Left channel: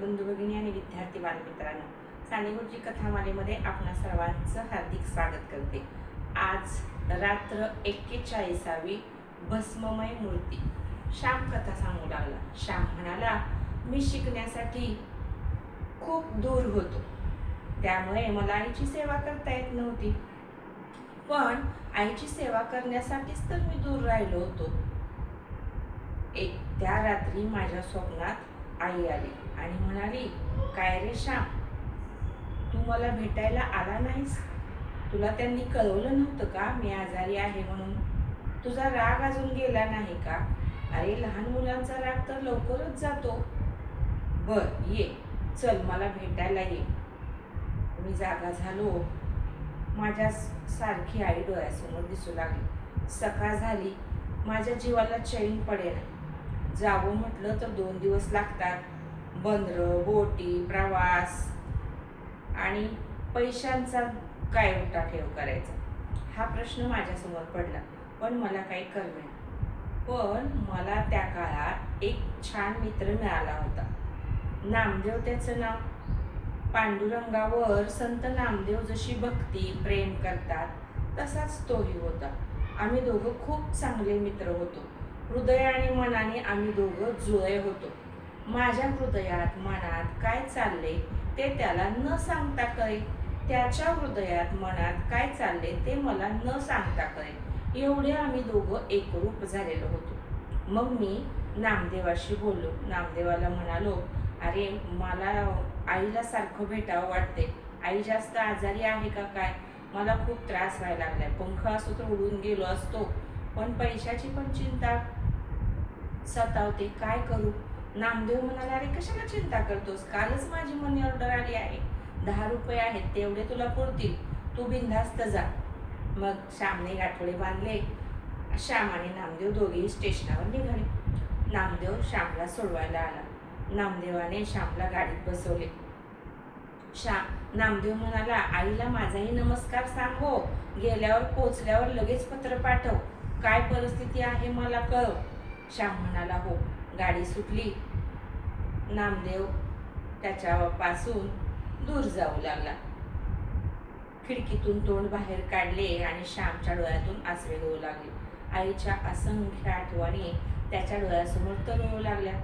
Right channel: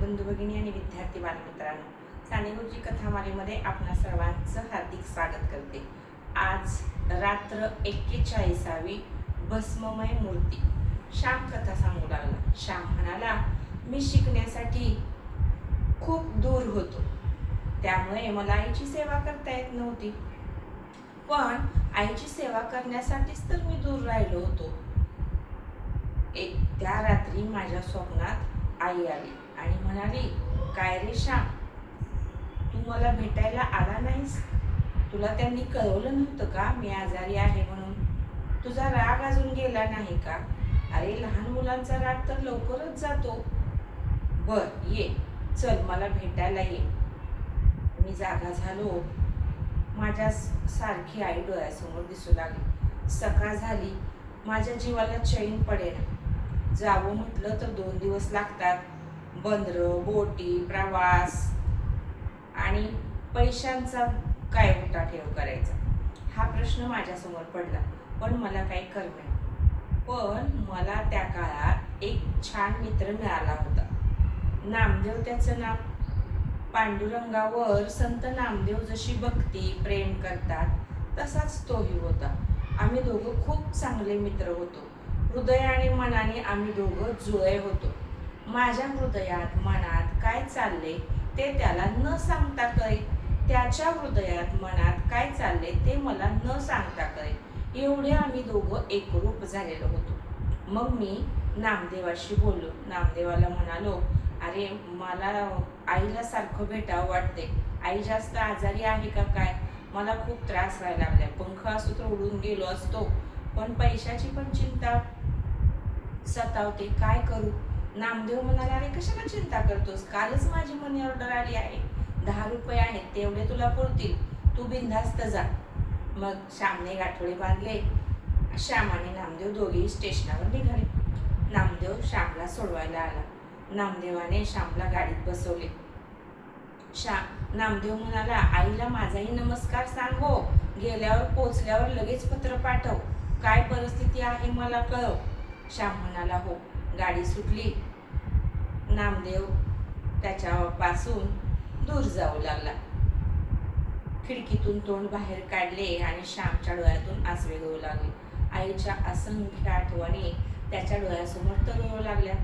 बंधू भगिनी आणि विद्यार्थी बालमित्रांनो, साने गुरुजी कथामालेमध्ये आपणा सर्वांचं हार्दिक स्वागत करते. आज रात्र 41वी भस्ममय मूर्ती. श्याम कथा सांगू लागला. श्याम म्हणाला, मी शिकण्यासाठी खूप दूर होतो, त्यामुळे मला आईची सेवा करता येत नव्हती. पण आईची सेवा करण्यासाठीच तर मी दूर राहिलो होतो. त्या रात्री माझ्या स्वप्नात आई आली आणि म्हणाली, काय रे श्याम, तू मला भेटायला आला नाहीस? तुला त्यांनी कळवलं नव्हतं का मी आजारी आहे म्हणून? तुझा राग अजून गेला नाही का? अरे, लहान मुलांचा राग तर लवकरच जातो. बर, ये, चल मला भेटायला ये. मी जागा झालो. माझ्या सारखी आई डोळ्यासमोर दिसू लागली. सकाळ झाली. माझ्या जीवाला चैन पडेना. जावं म्हटलं तर 2 दिवस लागतात. बंदरं, बोटी, प्रवास आणि पैशांचा काय उठाठेव करायचा, हा प्रश्न माझ्यासमोर पडला. पण मला काही कळेना. पण मला त्या काळात एक छान मित्र मिळाला होता. नामदेव त्याचं नाव. पांडुरंगावर संत नामदेव जशी भक्ती प्रेम करतात तसाच तोही होता. आम्ही दोघं खूप चांगले मित्र होतो. हृदय आणि मनाने आम्ही दोघं जुळे होतो. माझ्या हृदयात मनात काय चालले ते त्याला न सांगता कळे. त्याच्या हृदयात मनात काय चालले ते मला न सांगता कळे. एवढे आम्ही दोघं एकरूप झालेलो होतो. मग मी नामदेवाशी बोललो. नामदेवाला म्हणालो, अरे, मला आईला सारखं भेटावं वाटते. आई जास्त आजारी आहे का काय? मला खूप त्रास व्हायला लागलाय. पंख असतो तर उडून गेलो असतो, पण पैशाची पण चिंता सतावते. काय करू? नामदेव म्हणाला, अरे, कशाला चिंता करतोस? कालच माझी मनी ऑर्डर आली आहे. 10 रुपये आहेत, तेवढे तुला पुरतील. तू बिनधास्त जा. मग श्यामने गाठोडे बांधले. श्याम आणि नामदेव दोघेही स्टेशनावर निघाले. नामदेव श्यामला सोडवायला आला. नामदेवाने श्यामला गाडीत बसवले. नामदेव म्हणाला, आईला माझाही नमस्कार सांग हो. गेल्यावर पोचल्यावर लगेच पत्र पाठव. काय परिस्थिती आहे मला कळव. श्याम म्हणाला, हो. गाडी सुटली. नामदेव त्याच्यापासून दूर जाऊ लागला. खिडकीतून तोंड बाहेर काढले आणि श्यामच्या डोळ्यातून आसवे गळू लागले. आईच्या असंख्य आठवणी त्याच्या डोळ्यासमोर तरळू लागल्या.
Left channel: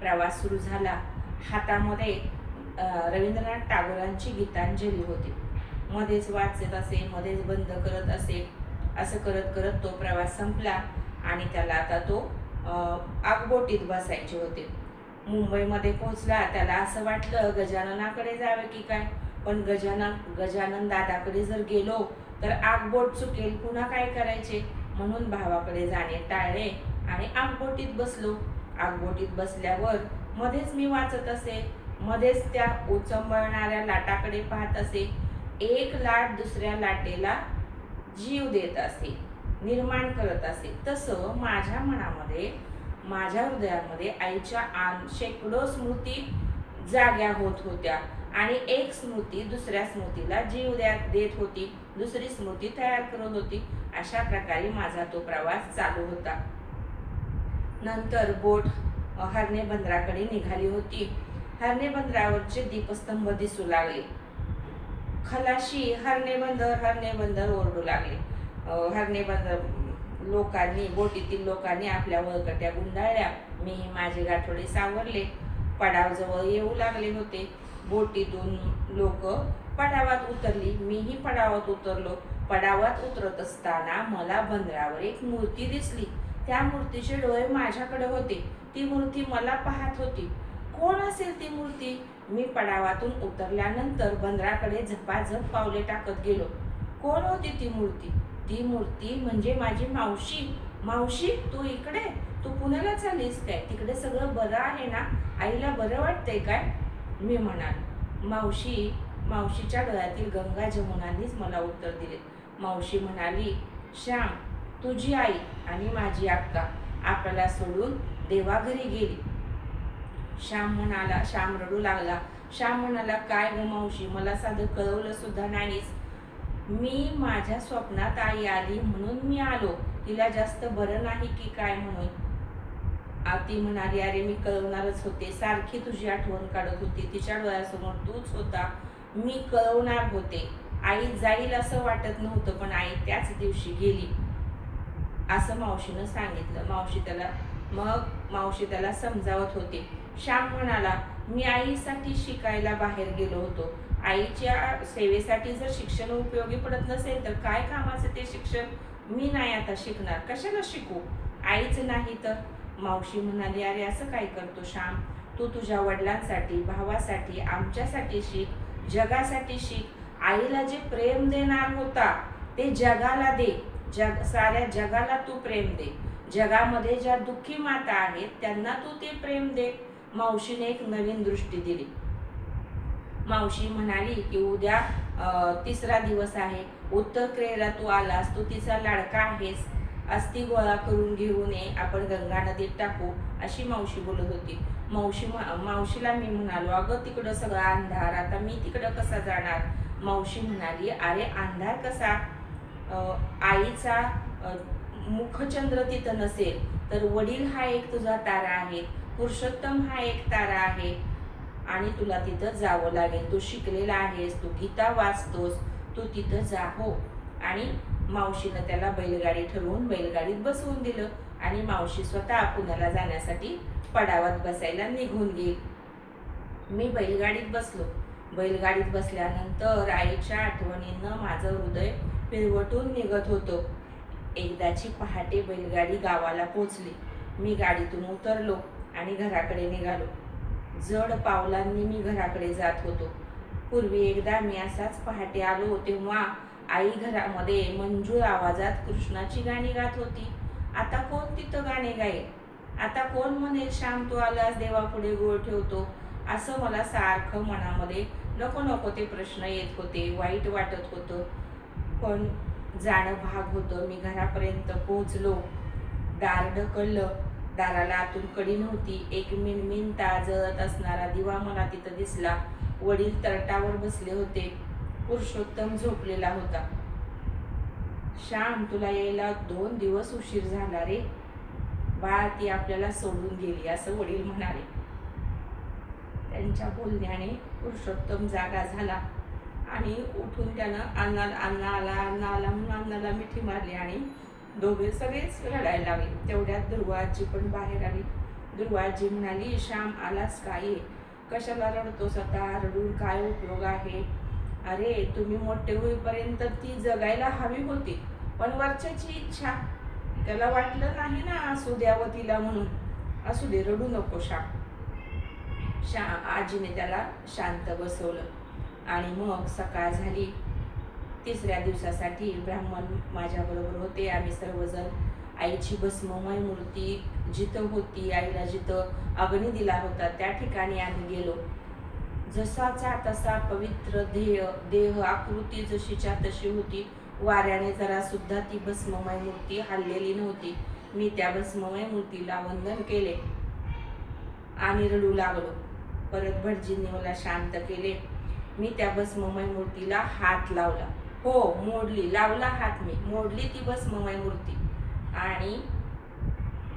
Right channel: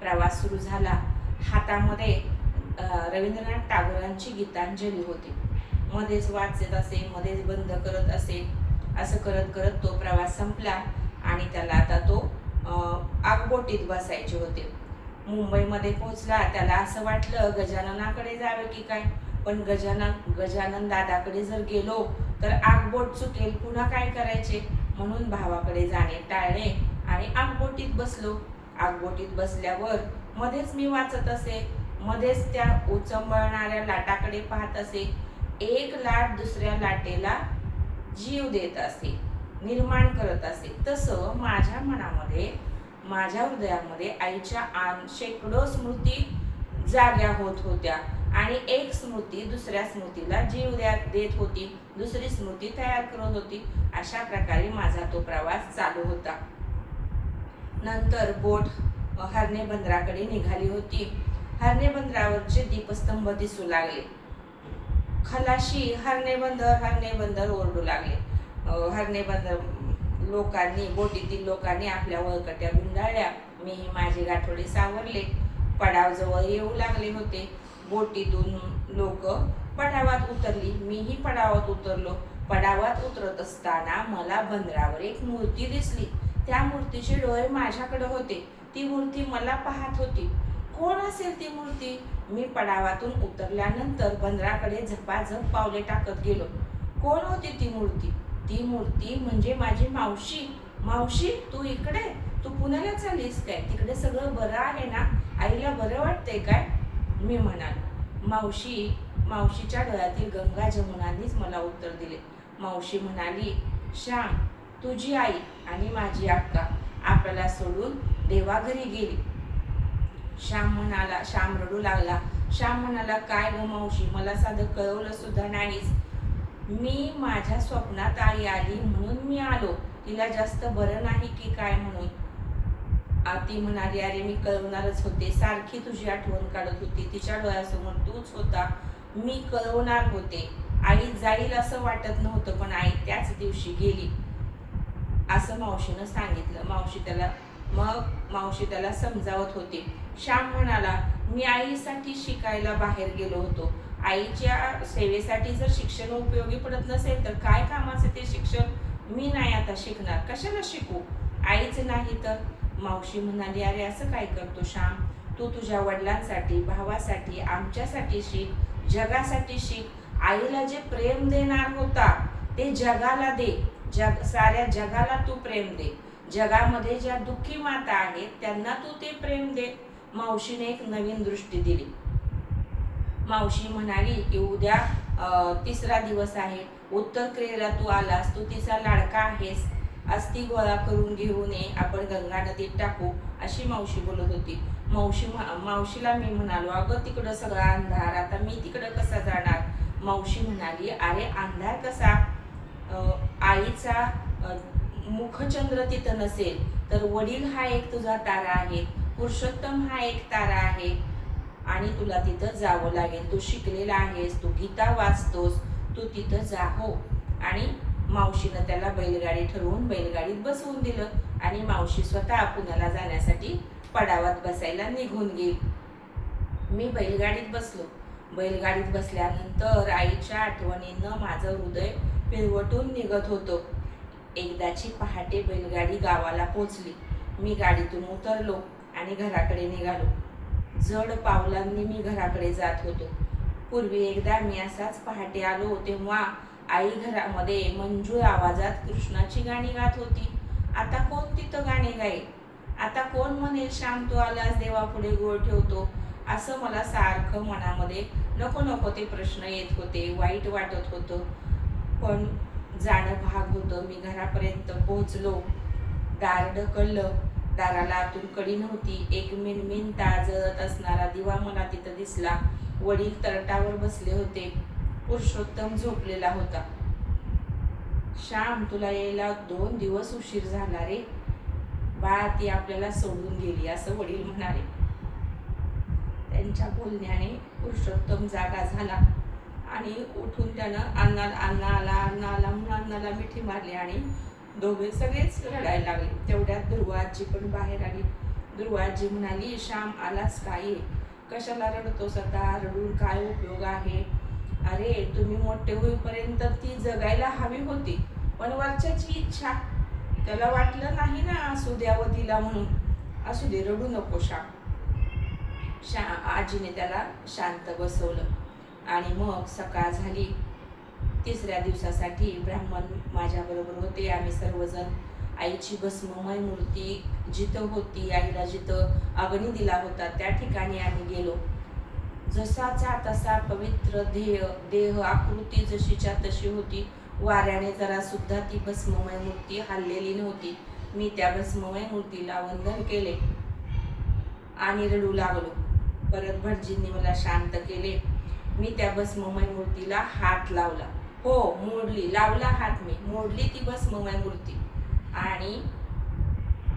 प्रवास सुरू झाला. हातामध्ये रवींद्रनाथ टागोरांची गीतांजली होती. मध्येच वाचत असे, मध्येच बंद करत असे. असं करत करत तो प्रवास संपला आणि त्याला आता तो आगबोटीत बसायचे होते. मुंबईमध्ये पोहोचला. त्याला असं वाटलं गजाननाकडे जावे की काय. पण गजानन दादाकडे जर गेलो तर आगबोट चुकेल, पुन्हा काय करायचे, म्हणून भावाकडे जाणे टाळले आणि आगबोटीत बसलो. आगबोटीत बसल्यावर मध्येच मी वाचत असे, मध्येच त्या उचंबळणाऱ्या लाटाकडे पाहत असे. एक लाट दुसऱ्या लाटेला जीव देत असे, निर्माण करत असे. तसं माझ्या मनामध्ये, माझ्या हृदयामध्ये आईच्या शेकडो स्मृती जाग्या होत होत्या आणि एक स्मृती दुसऱ्या स्मृतीला जीव देत होती, दुसरी स्मृती तयार करत होती. अशा प्रकारे माझा तो प्रवास चालू होता. नंतर बोट हरणे बंदराकडे निघाली होती. हरणे बंदरावरचे दीपस्तंभ दिसू लागले. खलाशी हरणे बंदर ओरडू लागले. हरणे बंदर लोकांनी, बोटीतील लोकांनी आपल्या वळकट्या गुंडाळल्या. मीही माझे गाठोडे सावरले. पडावजवळ येऊ लागले होते. बोटीतून लोक पडावात उतरली. मीही पडावात उतरलो. पडावात उतरत असताना मला बंदरावर एक मूर्ती दिसली. त्या मूर्तीचे डोळे माझ्याकडे होते. ती मूर्ती मला पाहत होती. कोण असेल ती मूर्ती? मी पडावातून उतरल्यानंतर बंदराकडे झपाझप पावले टाकत गेलो. कोण होती ती मूर्ती? ती मूर्ती म्हणजे माझी मावशी. मावशी, तू इकडे? तू पुण्याला चाललीस काय? तिकडे सगळं बरं आहे ना? आईला बरं वाटतंय काय? मी म्हणालो. मावशीच्या डोळ्यातील गंगा जमुनांनीच मला उत्तर दिले. मावशी म्हणाली, श्याम, तुझी आई आणि माझी अक्का आपल्याला सोडून देवाघरी गेली. श्याम रडू लागला. श्याम म्हणाला, काय ग मावशी, मला साधं कळवलं सुद्धा नाहीस. मी माझ्या स्वप्नात आई आली म्हणून मी आलो. तिला जास्त बरं नाही की काय म्हणून. ती म्हणाली, अरे मी कळवणारच होते, सारखी तुझी आठवण काढत होती, तिच्या डोळ्यासमोर तूच होता, मी कळवणार होते. आई जाईल असं वाटत नव्हतं, पण आई त्याच दिवशी गेली असं मावशीनं सांगितलं. मावशी त्याला समजावत होती. श्याम म्हणाला, मी आईसाठी शिकायला बाहेर गेलो होतो. आईच्या सेवेसाठी जर शिक्षण उपयोगी पडत नसेल तर काय कामाचे ते शिक्षण? मी नाही आता शिकणार, कशाला शिकू? आईच नाही तर? मावशी म्हणाली, अरे असं काय करतो श्याम? तू तुझ्या वडिलांसाठी, भावासाठी, आमच्यासाठी शिक, जगासाठी शिक. आईला जे प्रेम देणार होता ते जगाला दे. साऱ्या जगाला तू प्रेम दे. जगामध्ये ज्या दुःखी माता आहेत त्यांना तू ते प्रेम दे. मावशीने एक नवीन दृष्टी दिली. मावशी म्हणाली की उद्या 3रा दिवस आहे, उत्तर क्रियेला तू आलास, तू तिचा लाडका आहेस, अस्थी गोळा करून घेऊन ये, आपण गंगा नदीत टाकू, अशी मावशी बोलत होती. मावशीला मी म्हणालो, अगं तिकडं सगळा अंधार, आता मी तिकडं कसा जाणार? मावशी म्हणाली, अरे अंधार कसा? आईचा मुखचंद्र तिथं नसेल तर वडील हा एक तुझा तारा आहे, पुरुषोत्तम हा एक तारा आहे आणि तुला तिथं जावं लागेल. तू शिकलेला आहेस, तू गीता वाचतोस, तू तिथं जा हो. आणि मावशीनं त्याला बैलगाडी ठरवून बैलगाडीत बसवून दिलं आणि मावशी स्वतः पुण्याला जाण्यासाठी पडावात बसायला निघून गेली. मी बैलगाडीत बसलो. बैलगाडीत बसल्यानंतर आईच्या आठवणीनं माझं हृदय पिळवटून निघत होतं. एकदाची पहाटे बैलगाडी गावाला पोचली. मी गाडीतून उतरलो आणि घराकडे निघालो. जड पावलांनी मी घराकडे जात होतो. पूर्वी एकदा मी असाच पहाटे आलो तेव्हा आई घरामध्ये मंजूळ आवाजात कृष्णाची गाणी गात होती. आता कोण तिथं गाणे गाईल? आता कोण म्हणेल, श्याम तू आलास देवापुढे गोळ ठेवतो? असं मला सारखं मनामध्ये नको नको ते प्रश्न येत होते. वाईट वाटत होतं, पण जाणं भाग होतं. मी घरापर्यंत पोहोचलो. दार ढकललं. दाराला आतून कडी नव्हती. एक मिणमिणता जळत असणारा दिवा मला तिथं दिसला. वडील तरटावर बसले होते. पुरुषोत्तम झोपलेला होता. श्याम, तुला यायला 2 दिवस उशीर झाला रे. बाळा, ती आपल्याला सोडून गेली, असं वडील म्हणाले. त्यांच्या बोलण्याने पुरुषोत्तम जागा झाला आणि उठून त्यानं अण्णा आला म्हणून अण्णाला मिठी मारली आणि दोघे सगळेच रडायला लागले. तेवढ्यात दुर्वाजी पण बाहेर आली. दुर्वाजी म्हणाली, श्याम आलास का? ये. कशाला रडतोस आता? रडून काय उपयोग आहे? अरे तुम्ही मोठे होईपर्यंत ती जगायला हवी होती, पण वरच्याची इच्छा. त्याला वाटलं नाही ना असू द्यावं तिला म्हणून. असू दे, रडू नको श्याम. आजीने त्याला शांत बसवलं आणि मग सकाळ झाली. 3ऱ्या दिवसासाठी ब्राह्मण माझ्याबरोबर होते. आम्ही सर्वजण आईची भस्ममय मूर्ती जिथं होती, आईला जिथं अग्नी दिला होता त्या ठिकाणी आम्ही गेलो. जसाचा तसा पवित्र देह आकृती जशीच्या तशी होती. वाऱ्याने जरा सुद्धा ती भस्ममय मूर्ती हललेली नव्हती. मी त्या भस्ममय मूर्तीला वंदन केले आणि रडू लागलो. परत भटजींनी मला शांत केले. मी त्या भस्ममय मूर्तीला हात लावला. हो, लावला हात. मी मोडली ती भस्ममय मूर्ती आणि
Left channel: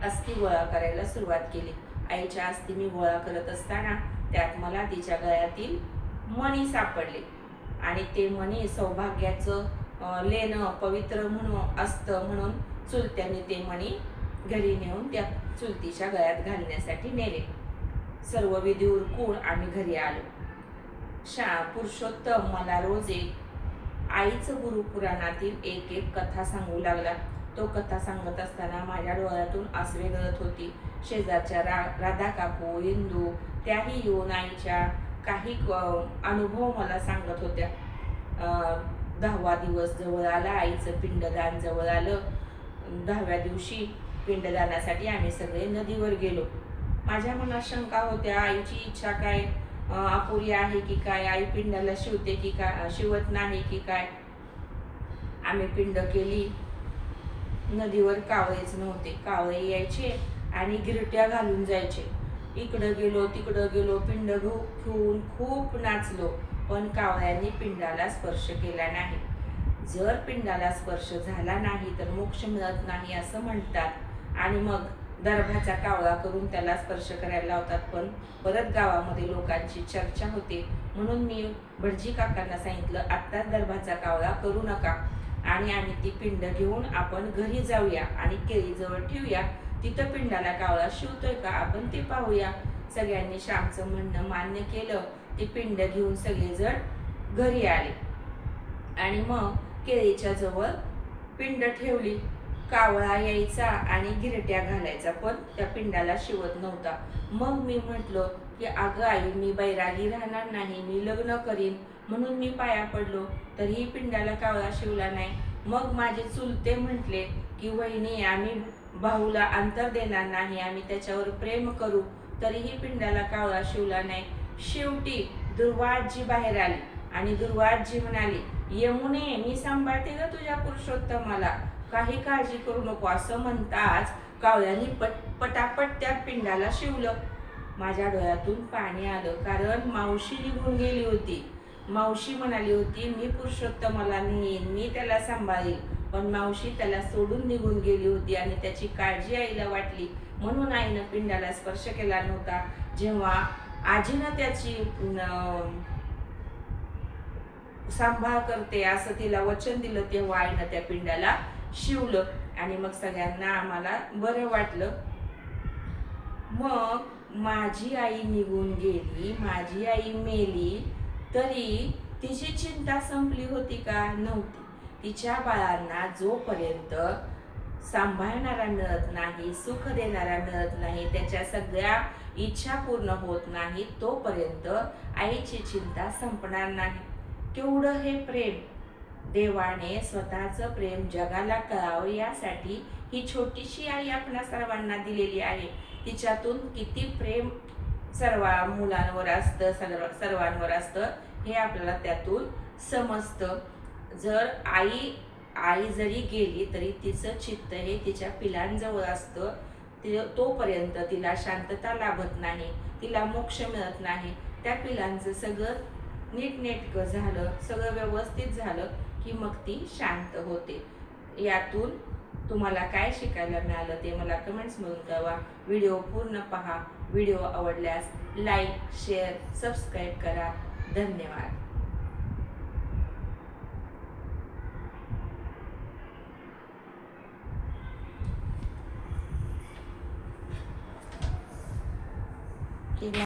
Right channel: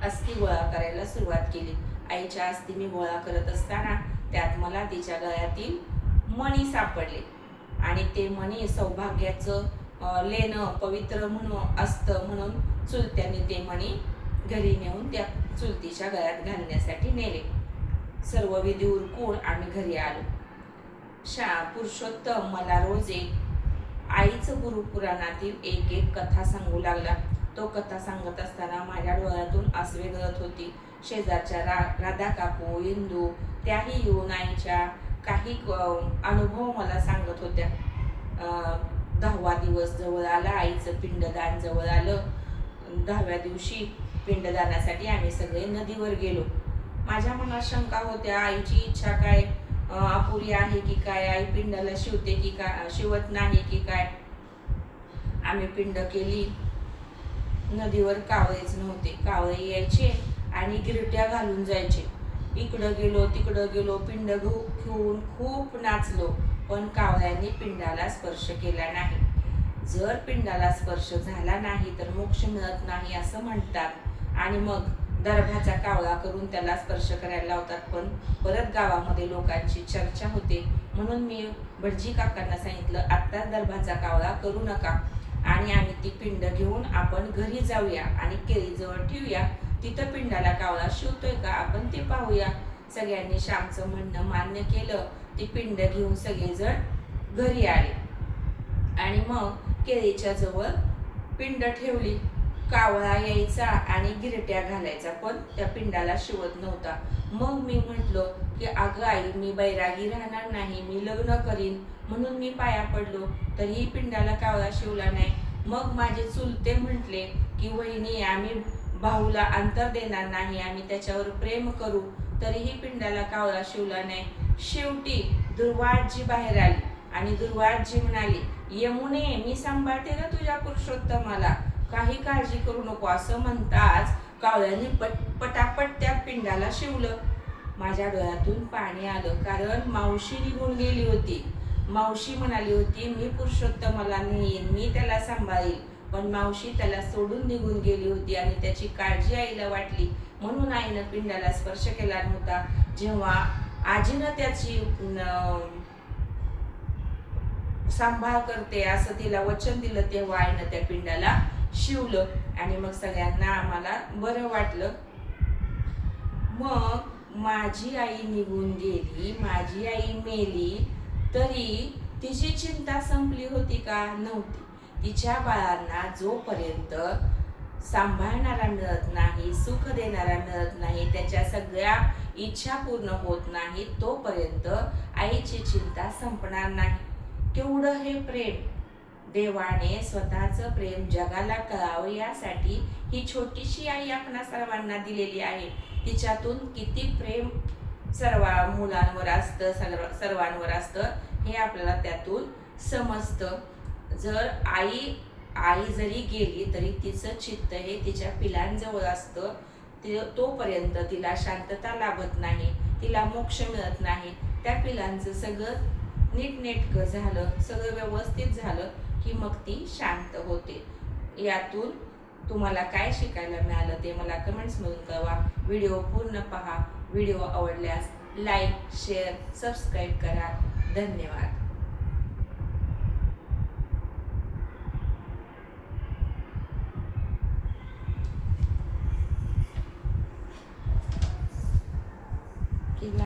अस्थी गोळा करायला सुरुवात केली. आईच्या अस्थी मी गोळा करत असताना त्यात मला तिच्या गळ्यातील मणी सापडले आणि ते मणी सौभाग्याचं लेणं पवित्र म्हणून असतं म्हणून चुलत्याने ते मणी घरी नेऊन त्या चुलतीच्या गळ्यात घालण्यासाठी नेले. सर्व विधी उरकून आम्ही घरी आलो. पुरुषोत्तम मला रोज एक आईचं गुरुपुराणातील एक कथा सांगू लागला. तो कथा सांगत असताना माझ्या डोळ्यातून आसवे गळत होती. शेजारच्या राधा काकू, इंदू त्याही येऊन आईच्या काही अनुभव मला सांगत होत्या. 10वा दिवस जवळ आला. आईचं पिंडदान जवळ आलं. 10व्या दिवशी पिंडदानासाठी आम्ही सगळे नदीवर गेलो. माझ्या मनात शंका होत्या. आईची इच्छा काय अपुरी आहे की काय? आई पिंडाला शिवते की काय, शिवत नाही की काय? आम्ही पिंड केली. नदीवर कावळेच नव्हते. कावळे यायचे आणि गिरट्या घालून जायचे. इकडं गेलो तिकडं गेलो, पिंड घेऊन खूप नाचलो, पण कावळ्यांनी पिंडाला स्पर्श केला नाही. जर पिंडाला स्पर्श झाला नाही तर मोक्ष मिळत नाही असं म्हणतात आणि मग दर्भाचा कावळा करून त्याला स्पर्श करायला लावतात. पण परत गावामध्ये लोकांची चर्चा होते, म्हणून मी भटजी काकांना सांगितलं, आत्ताच दर्भाचा कावळा करू नका आणि आम्ही ती पिंड घेऊन आपण घरी जाऊया आणि केळीजवळ ठेवूया. तिथं पिंडाला कावळा शिवतोय का आपण ते पाहूया. सगळ्यांनी श्यामचं म्हणणं मान्य केलं. ती पिंड घेऊन सगळेजण घरी आले आणि मग केळीच्या जवळ पिंड ठेवली. कावळा यायचा आणि गिरट्या घालायचा, पण त्या पिंडाला शिवत नव्हता. मग मी म्हटलं की अगं आई, मी बैरागी राहणार नाही, मी लग्न करीन, म्हणून मी पाया पडलो, तरीही पिंडाला कावळा शिवला नाही. मग माझे चुलते म्हटले की वहिनी, आम्ही भाऊला अंतर देणार नाही, आम्ही त्याच्यावर प्रेम करू, तरीही पिंडाला कावळा शिवला नाही. शेवटी दुर्वाजी बाहेर आली आणि दुर्वाजी म्हणाली, यमुने, मी सांभाळते ग तुझ्या पुरुषोत्तमाला, काही काळजी करू नको. असं म्हणताच कावळ्याने पटापट त्या पिंडाला शिवलं. माझ्या डोळ्यातून पाणी आलं, कारण मावशी निघून गेली होती. मावशी म्हणाली होती, मी पुरुषोत्तमाला नेईन, मी त्याला सांभाळील, पण मावशी त्याला सोडून निघून गेली होती आणि त्याची काळजी आईला वाटली, म्हणून आईनं पिंडाला स्पर्श केला नव्हता. जेव्हा आजीनं त्याची सांभाळ करते असं तिला वचन दिलं, तेव्हा आईनं त्या पिंडाला शिवलं आणि मग सगळ्यांना आम्हाला बरं वाटलं. मग माझी आई निघून गेली, माझी आई मेली, तरी तिची चिंता संपली होती का? नव्हती. तिच्या बाळांना जोपर्यंत सांभाळणारा मिळत नाही, सुख देणारा मिळत नाही, त्याच्या सगळ्या इच्छा पूर्ण होत नाही, तोपर्यंत आईची चिंता संपणार नाही. केवढं हे प्रेम! देवाने स्वतःचं प्रेम जगाला कळावं यासाठी ही छोटीशी आई आपणा सर्वांना दिलेली आहे. तिच्यातून किती प्रेम सर्व मुलांवर असतं, सर्वांवर असतं, हे आपल्याला त्यातून समजतं. जर आई जरी गेली तरी तिचं चित्त हे तिच्या पिलांजवळ असतं. तोपर्यंत तिला शांतता लाभत नाही, तिला मोक्ष मिळत नाही. त्या पिलांचं सगळं नीटनेटकं झालं, सगळं व्यवस्थित झालं की मग ती शांत होते. यातून तुम्हाला काय शिकायला मिळालं ते मला कमेंट्समधून कळवा. व्हिडिओ पूर्ण पहा. व्हिडिओ आवडल्यास लाईक, शेअर, सबस्क्राईब करा. धन्यवाद.